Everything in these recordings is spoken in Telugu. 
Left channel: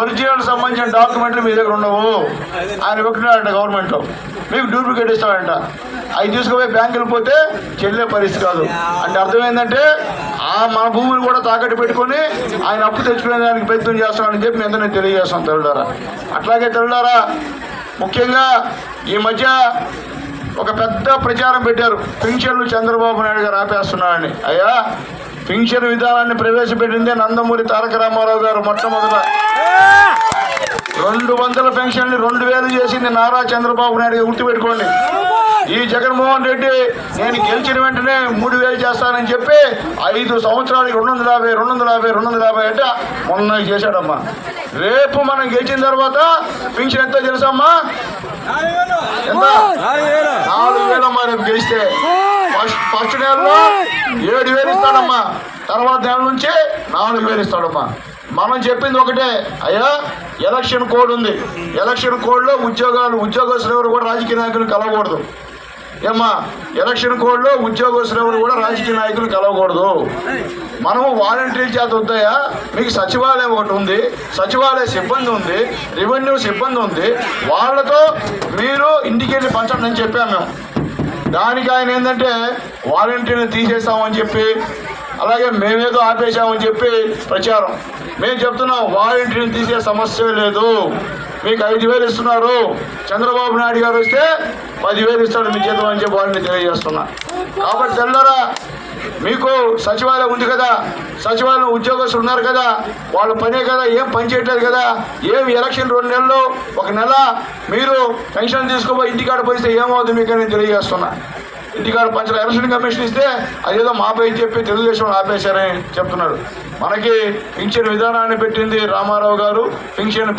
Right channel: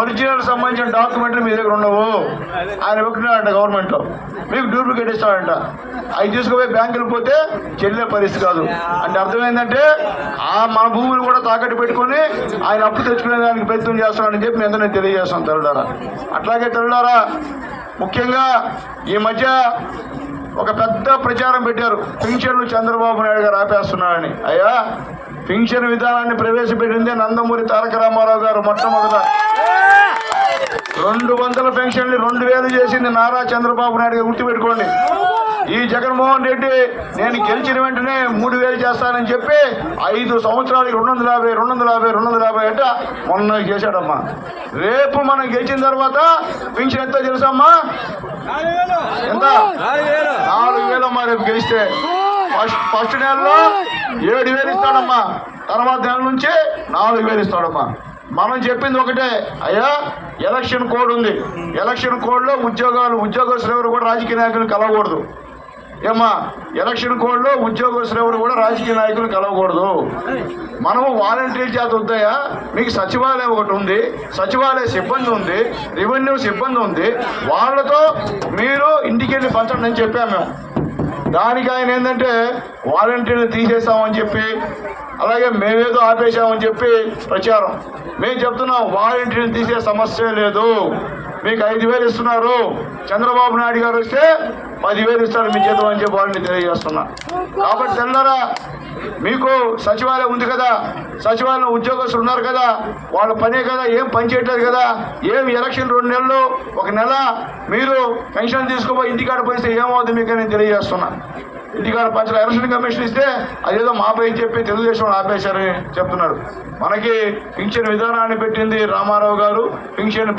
ఒరిజినల్ సంబంధించిన డాక్యుమెంట్లు మీ దగ్గర ఉండవు. ఆయన వెక్కున్నాడంట గవర్నమెంట్లో, మీకు డూప్లికేట్ ఇస్తాడంట. అవి తీసుకుపోయి బ్యాంకులు పోతే చెల్లే పరిస్థితి కాదు. అంటే అర్థమైందంటే మా భూములు కూడా తాకట్టు పెట్టుకొని ఆయన అప్పు తెచ్చుకునే దానికి ప్రయత్నం చేస్తున్నాడని చెప్పి మీ అందరూ నేను తెలియజేస్తాను తెల్లారా. అట్లాగే తెల్లారా ముఖ్యంగా ఈ మధ్య ఒక పెద్ద ప్రచారం పెట్టారు, పింఛన్లు చంద్రబాబు నాయుడు గారు ఆపేస్తున్నారని. అయ్యా, పింఛన్ విధానాన్ని ప్రవేశపెట్టిందే నందమూరి తారక రామారావు గారు. మొట్టమొదట 200 పెన్షన్లు 2000 చేసింది నారా చంద్రబాబు నాయుడు గారు, గుర్తుపెట్టుకోండి. ఈ జగన్మోహన్ రెడ్డి నేను గెలిచిన వెంటనే 3000 చేస్తానని చెప్పి 5 సంవత్సరాలకి 250 అంటే మొన్న చేశాడమ్మా. రేపు మనం గెలిచిన తర్వాత పింఛన్ ఎంతో తెలుసమ్మా? ఎంత? 4000 అమ్మా. రేపు గెలిస్తే ఫస్ట్ నెలలో 7000 ఇస్తాడమ్మా, తర్వాత నెల నుంచి 4000 ఇస్తాడమ్మా. మనం చెప్పింది ఒకటే, అయ్యా ఎలక్షన్ కోడ్ ఉంది, ఎలక్షన్ కోడ్లో ఉద్యోగస్తులు ఎవరు కూడా రాజకీయ నాయకులు కలవకూడదు. ఏమ్మా, ఎలక్షన్ కోడ్లో ఉద్యోగస్తులు ఎవరు కూడా రాజకీయ నాయకులు కలవకూడదు. మనము వాలంటీర్ చేత వద్దాయా? మీకు సచివాలయం ఒకటి ఉంది, సచివాలయ సిబ్బంది ఉంది, రెవెన్యూ సిబ్బంది ఉంది, వాళ్ళతో మీరు ఇంటికి వెళ్ళి పంచండి అని చెప్పాము మేము. దానికి ఆయన ఏంటంటే వాలంటీర్ని తీసేస్తామని చెప్పి, అలాగే మేమేదో ఆపేశామని చెప్పి ప్రచారం. మేము చెప్తున్నాం, వాలంటీర్ని తీసే సమస్య లేదు. మీకు 5000 ఇస్తున్నారు, చంద్రబాబు నాయుడు గారు వస్తే 10,000 ఇస్తాడు మీ చేతం అని చెప్పి వాళ్ళని తెలియజేస్తున్నా. కాబట్టి తెల్లరా, మీకు సచివాలయం ఉంది కదా, సచివాలయం ఉద్యోగస్తులు ఉన్నారు కదా, వాళ్ళ పనే కదా, ఏం పని చేయట్లేదు కదా. ఏం ఎలక్షన్ 2 నెలలు 1 నెల మీరు పెన్షన్ తీసుకోబోయి ఇంటికాడ పోయిస్తే ఏమవుతుంది మీకు నేను తెలియజేస్తున్నా. ఇంటికాడ పంచాల ఎలక్షన్ కమిషన్ ఇస్తే అదేదో మాపై చెప్పి తెలుగుదేశం ఆపేశారని చెప్తున్నారు. మనకి పింఛన్ విధానాన్ని పెట్టింది రామారావు గారు, పింఛన్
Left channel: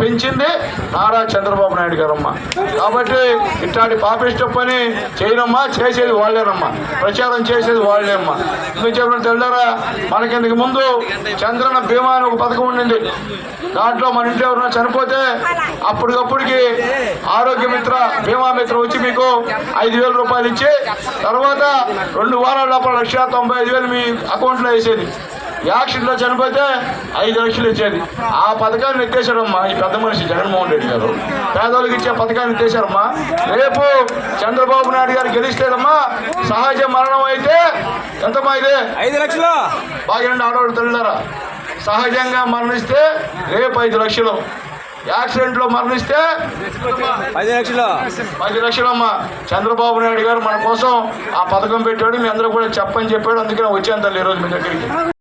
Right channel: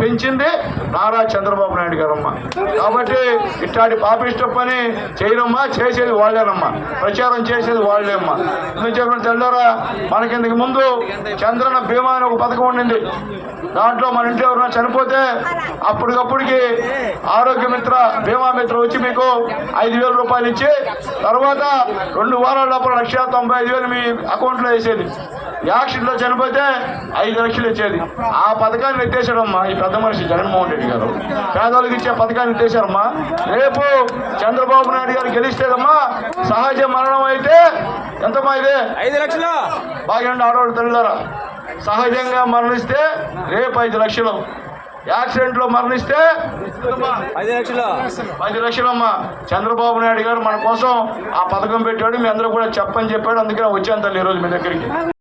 పెంచింది నారా చంద్రబాబు నాయుడు గారమ్మా. కాబట్టి ఇట్లాంటి పాపిష్ట పని చేయరమ్మా, చేసేది వాళ్ళేనమ్మా, ప్రచారం చేసేది వాళ్ళేమ్మా. మీరు చెప్పిన తెల్లారా, మనకి ఇంతకు ముందు చంద్రన్న బీమా అని ఒక పథకం ఉండింది. దాంట్లో మన ఇంట్లో ఎవరైనా చనిపోతే అప్పటికప్పటికి ఆరోగ్య మిత్ర బీమా మిత్ర వచ్చి మీకు 5,000 రూపాయలు ఇచ్చి తర్వాత 2 వారాల లోపల 1,95,000 మీ అకౌంట్లో వేసేది. యాక్సిడెంట్లో చనిపోతే 5 లక్షలు ఇచ్చేది. ఆ పథకాన్ని ఎత్తేసాడమ్మా ఈ పెద్ద మనిషి జగన్మోహన్ రెడ్డి గారు. పేదోళ్ళకి ఇచ్చే పథకాన్ని ఎత్తేసారమ్మా. రేపు చంద్రబాబు నాయుడు గారు గెలిస్తేదమ్మా సహజ మరణం అయితే ఎంతమ్మా? ఇదే 5 లక్షలు. బాగండి ఆడవాళ్ళు తల్లిదారా, సహజంగా మరణిస్తే రేపు 5 లక్షలు, యాక్సిడెంట్లో మరణిస్తే 10 లక్షలమ్మా. చంద్రబాబు నాయుడు గారు మన కోసం ఆ పథకం పెట్టాడు, మీ అందరూ కూడా చెప్పని చెప్పాడు. అందుకని వచ్చాను తల్లి ఈరోజు మీ దగ్గరికి.